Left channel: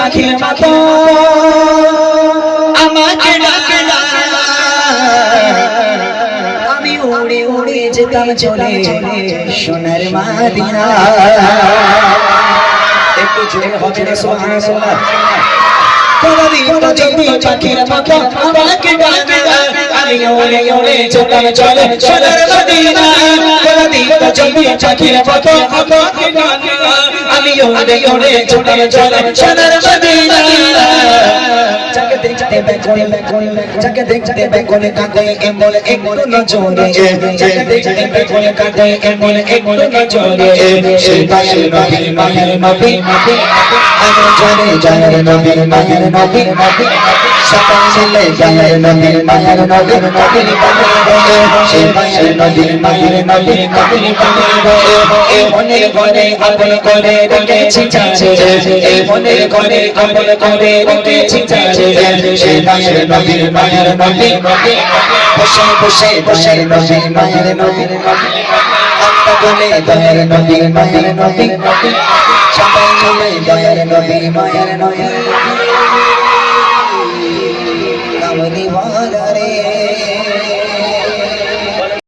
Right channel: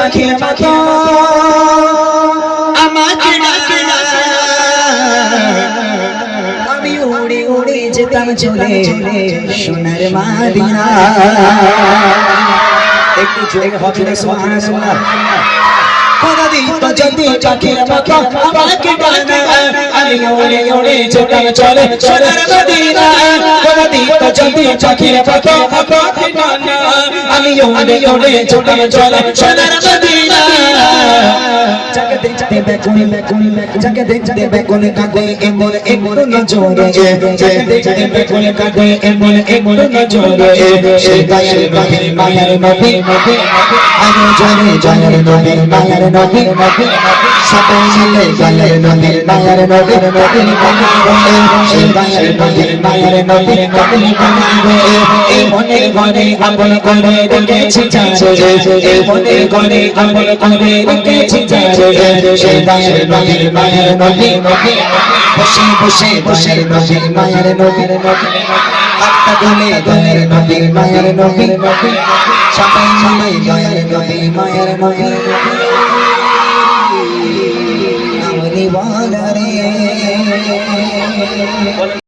পাখি মতো আমাকে ডাকে না, আমি উড়ে উড়ে যেতাম চলে সোনার মদিনা। একটু জোরে হবে না সুবহানাল্লাহ। কোনদিন তো যদি পাখির মতো আমাকে ডাকে না, আমি উড়ে উড়ে যেতাম চলে সোনার মদিনা। কোনদিন তো যদি পাখির মতো আমাকে ডাকে না, আমি উড়ে উড়ে যেতাম চলে সোনার মদিনা। যাকে দেখতে বেকুনি যাকে দেখতে বেকুনি কাঁদে এমন একটু নজরে, যাকে দেখতে বেকুনি কাঁদে এমন একটু নজরে, সেটাই নবীর মায়ের নবী, আমি জানি জানি নবীর মায়ের নবী, সবাই মিলে গায়ের নবীর মায়ের নবীর নবী বানাবে, সেটাই নবীর মায়ের নবী নবী বানাবে। এই মনের ঘরে আপন করে রেখেছি যারে, এই মনের ঘরে আপন করে রেখেছি যারে, সেটাই নবীর মায়ের নবী, বসে বসে বসে নবীর মায়ের নবী, একটা বলে দয়ার নবীর মায়ের নবী, সবাই মিলে দয়ার নবী মায়ের নবী।